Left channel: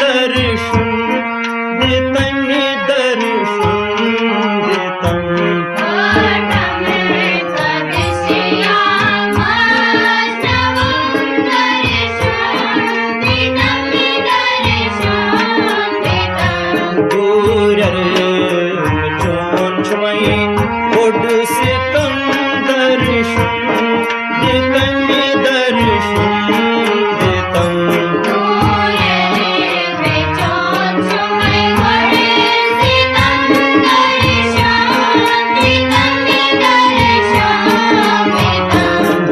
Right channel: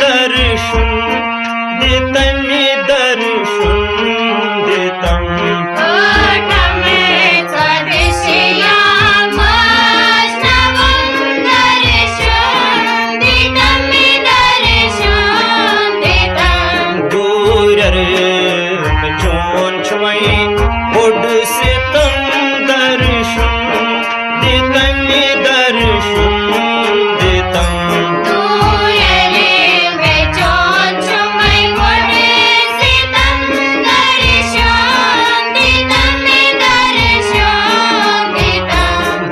दर्शन दितमि दर्शन दितम दूरर में चोन छवई उड़ सितम दर्शन दितमि दर्शन दितम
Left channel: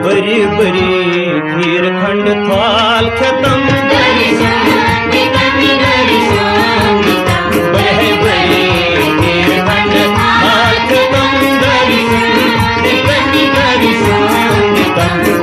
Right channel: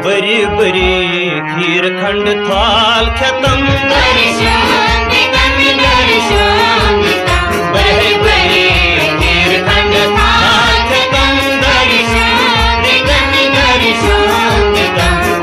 बरी बरी खीर खंड थाल खतम दर्शन बरी बरी खीर खंड थाल खतम दर्शन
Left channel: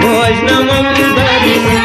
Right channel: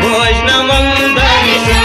भोजनमम दर्शन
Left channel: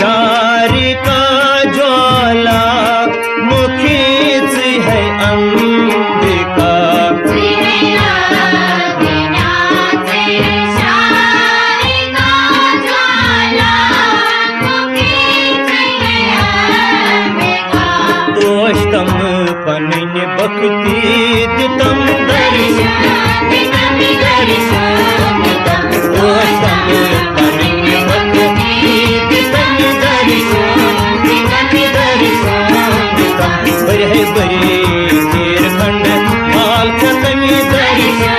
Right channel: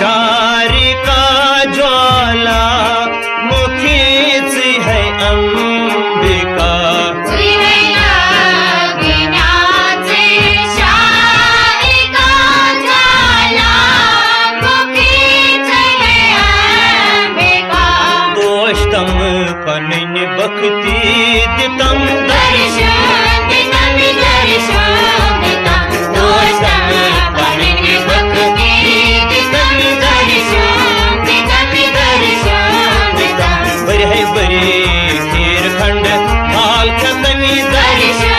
शारिका ज्वाला मुखी है अंबिका तोष्टम पनन भक्ति दितम दर्शन तोष्टम पनन भक्ति बरी बरी खीर खंड थाल खतमि दर्शन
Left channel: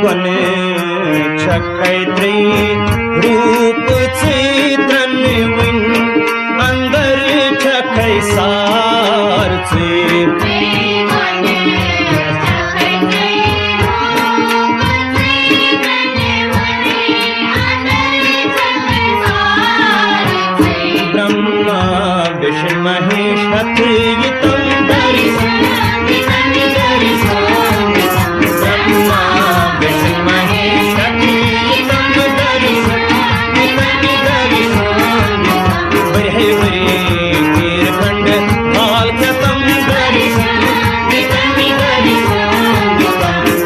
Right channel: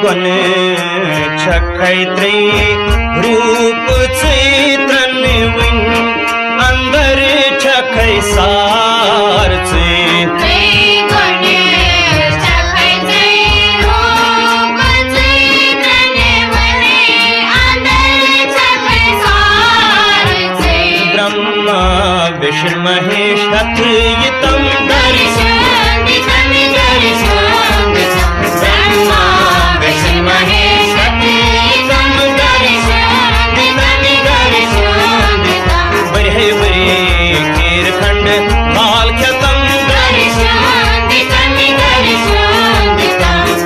गुन छखै त्रै रूप त्रन वन अंदर छखै सार ब्रह्मा विष्णु महेश हथ यतम दर्शन ब्रह्मा विष्णु महेश तम दर्शन बरी बरी खीर खंड थाल खतम दर्शन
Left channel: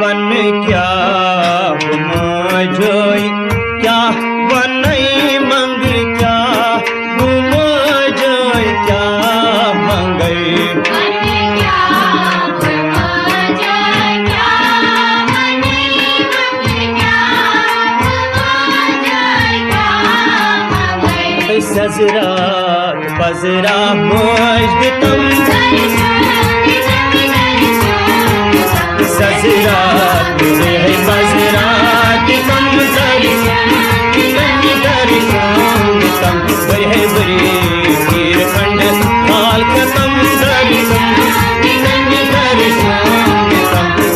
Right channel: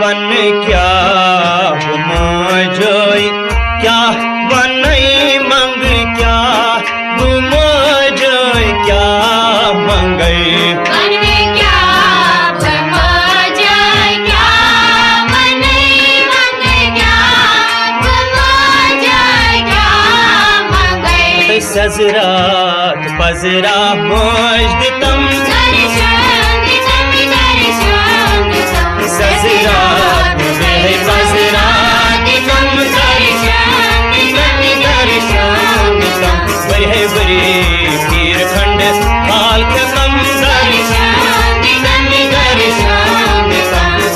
वन क्या गुमजोय क्या वनई मंग क्या गुमजोय क्या मंगई सजरात पजरा मज दितम सजरात पजरात दितम दर्शन बरी बरी खीर खंड थाल खतम दर्शन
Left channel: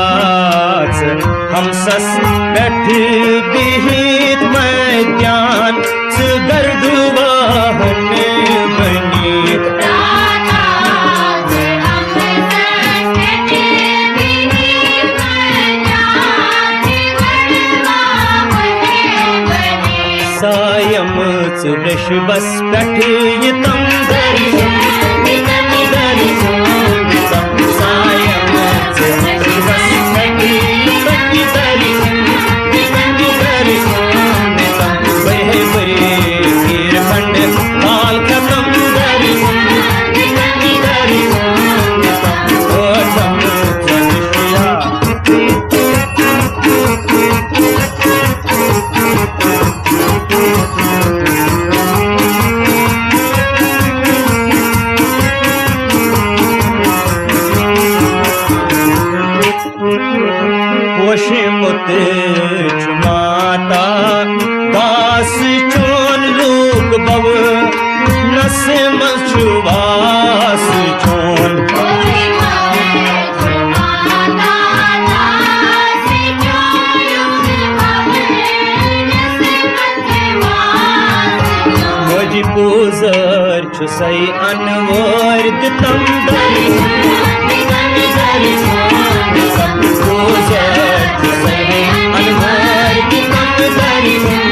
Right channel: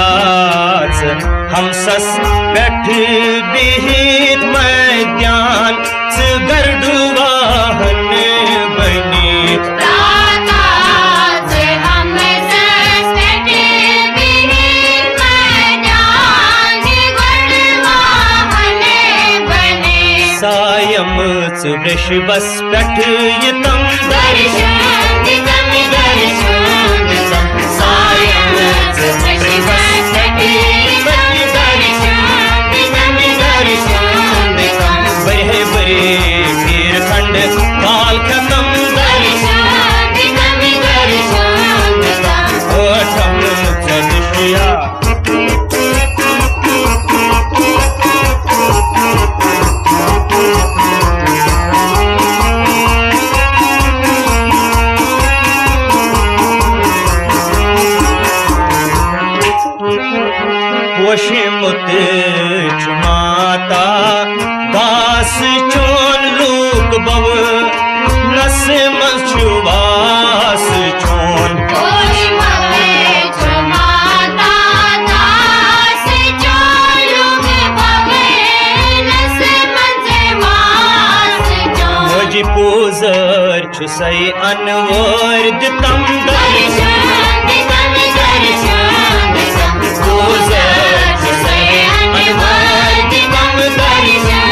राज हमसस पेठ बिहित मैदान गर्डुवाहन बनीत सायम वृषभस पेठ यतम दर्शन सायम वृषभस पेठ बरे बरे वीरखंड काल खतम ओठम चंद्रिया पोषमुत माता दास चोन लोक बव नस मसुवास चोन मोजी पूजर छुसई अनवर दितम दर्शन पूजर छुसई अनवर दितम दर्शन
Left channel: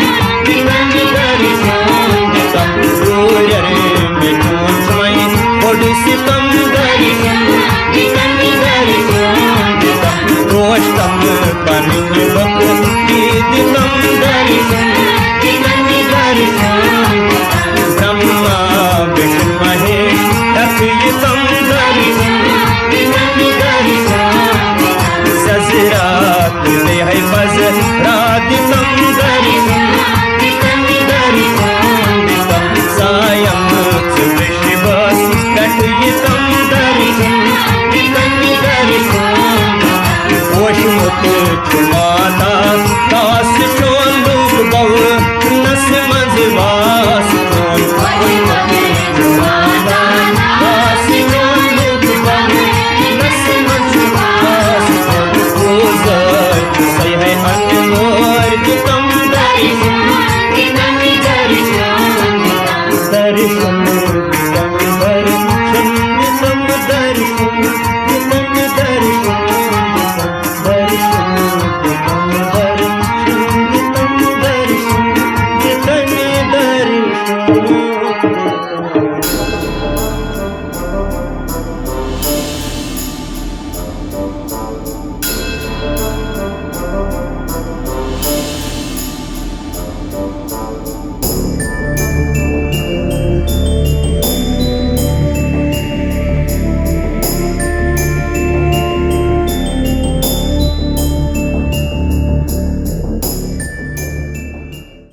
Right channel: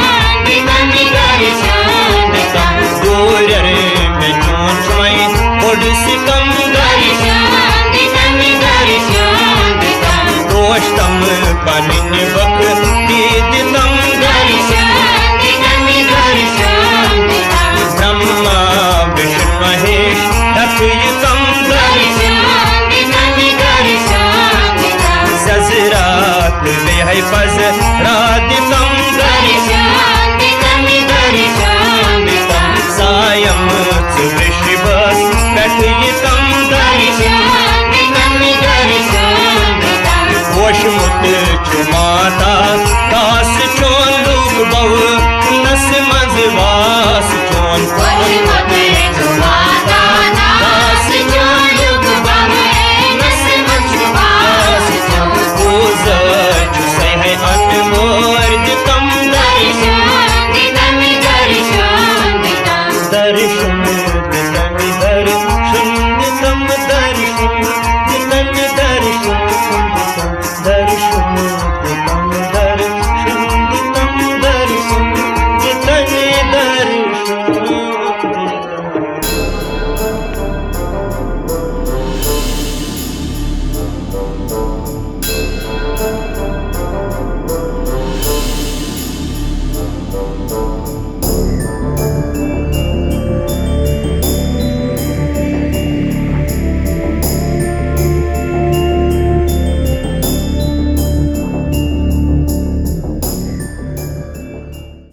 दूर रे में चोन समय बड़ सितम दर्शन दोस्तम पनिन बक दितम दर्शन ब्रह्मा विष्णु महेश तथयतम दर्शन सजरात ले है पज रादितम दर्शन सायम वृषभस कथयतम दर्शन पोषमुत माता दास चोन लोक बव नस मजवास चोन पोषमुत माता दास चोन लोक बव नस मजवास चोन पूजर सही है अनमोर दितम दर्शन दर्शन दितम दर्शन दितम दर्शन दितम दर्शन